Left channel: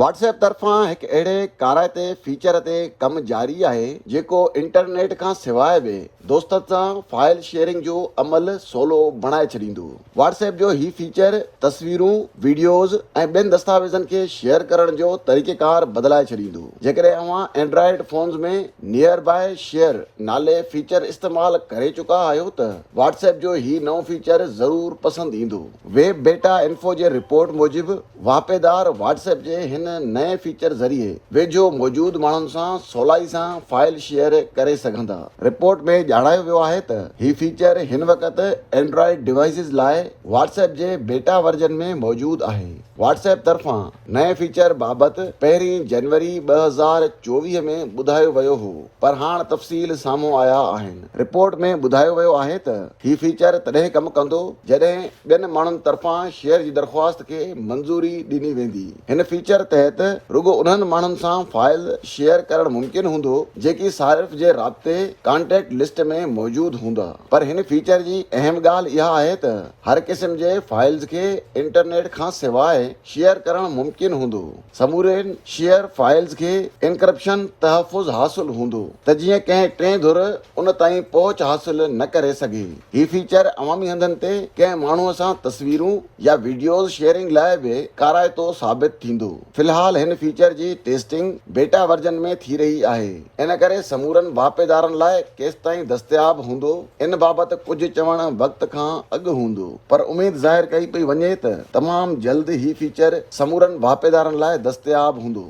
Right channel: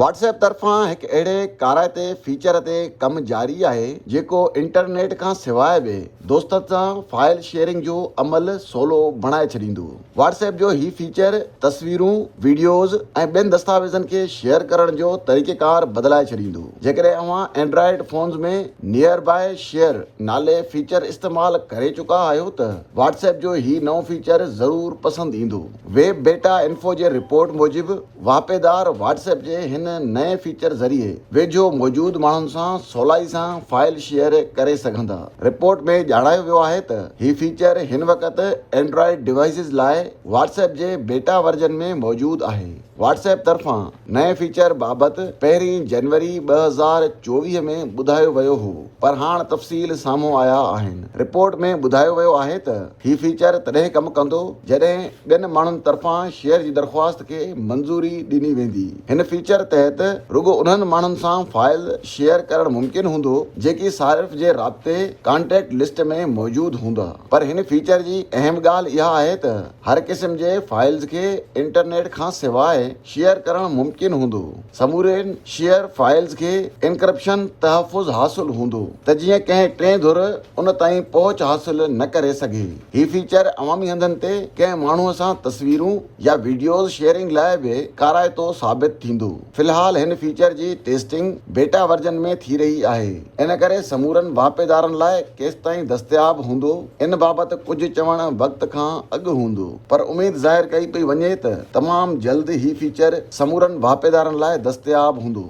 WhatsApp तरफ़ां हिकु अहिड़े काराइते फीचर ते कमु जारी आहे जेको इंटरनेट खां सवाइ बि दोस्तनि सां फाइल शेयरिंग जो अमल सवलो बणाए छॾींदो। WhatsApp जो हीउ फीचर तस्वीरूं, वीडियोज़ ऐं ॿियनि दस्तावेज़नि खे शेयर करण जो तरीक़ेकार बदिलाए छॾींदो। जेकॾहिं अव्हां एंड्रॉइड फ़ोन्स में नियर बाय शेयर नाले फीचर इस्तेमालु करे चुका आहियो त WhatsApp जो हीउ नओं फीचर ज़रूरु पसंदि ईंदो। वेब बेटा इंफो जे रिपोर्ट मूजिबि वापेदार WhatsApp जे हिन नए फीचर ज़रिए वेझो मौजूदु माण्हुनि सां सवलाई सां फाइल शेयर करे सघंदा। रिपोर्ट में ॼाणायो वियो आहे त हीउ फीचर हिन वक़्तु एंड्रॉइड डिवाइसिस लाइ WhatsApp जे बेटा वर्जन में मौजूदु आहे। WhatsApp तरफ़ां नए फीचर बाबति 1 जनवरी 2024 में ॿुधायो वियो हो, पर हाणे तफ़सील साम्हूं आया आहिनि। रिपोर्ट में ॿुधायो वियो आहे त हीउ फीचर तॾहिं कमु कंदो जॾहिं ॿियनि माण्हुनि तरफ़ां शेयर जी दरख़्वास्त खे मंज़ूरी ॾिनी वेंदी। हिन फीचर तहत रुॻो उन्हनि माण्हुनि सां फाइल शेयर करणु मुमकिन हूंदो जेकी सारिफ़ जे राब्ते कॉन्टेक्ट लिस्ट में मौजूदु हूंदा। पर हिन फीचर जी अहम ॻाल्हि इहा आहे त हर क़िस्म जे फाइल्स खे इंटरनेट खां सवाइ शेयर करणु मुमकिन हूंदो। समूरे शेयर फाइल्स खे एन्क्रिप्शन तहफ़ुज़ हासिल हूंदो त जीअं कंहिं टे धुर उन ताईं पहुच हासिल न करे सघे। हीउ फीचर अवामी हंधनि ते कंहिं माण्हूअ सां तस्वीरूं या वीडियोज़ शेयरिंग लाइ बि काराइतो साबित थींदो। फ़िलहाल हिन feature G testing beta version में थी रही आहे। इन करे समूरनि वापेदारनि लाइ केसिताईं दस्तयाब हूंदो इन बाबति कुझु चवण वक़्त खां अॻु हूंदो, पर उमेद ज़ाहिर कई पई वञे त तमामु जल्द ही फीचर समूरनि वापेदारनि लाइ दस्तयाब हूंदो।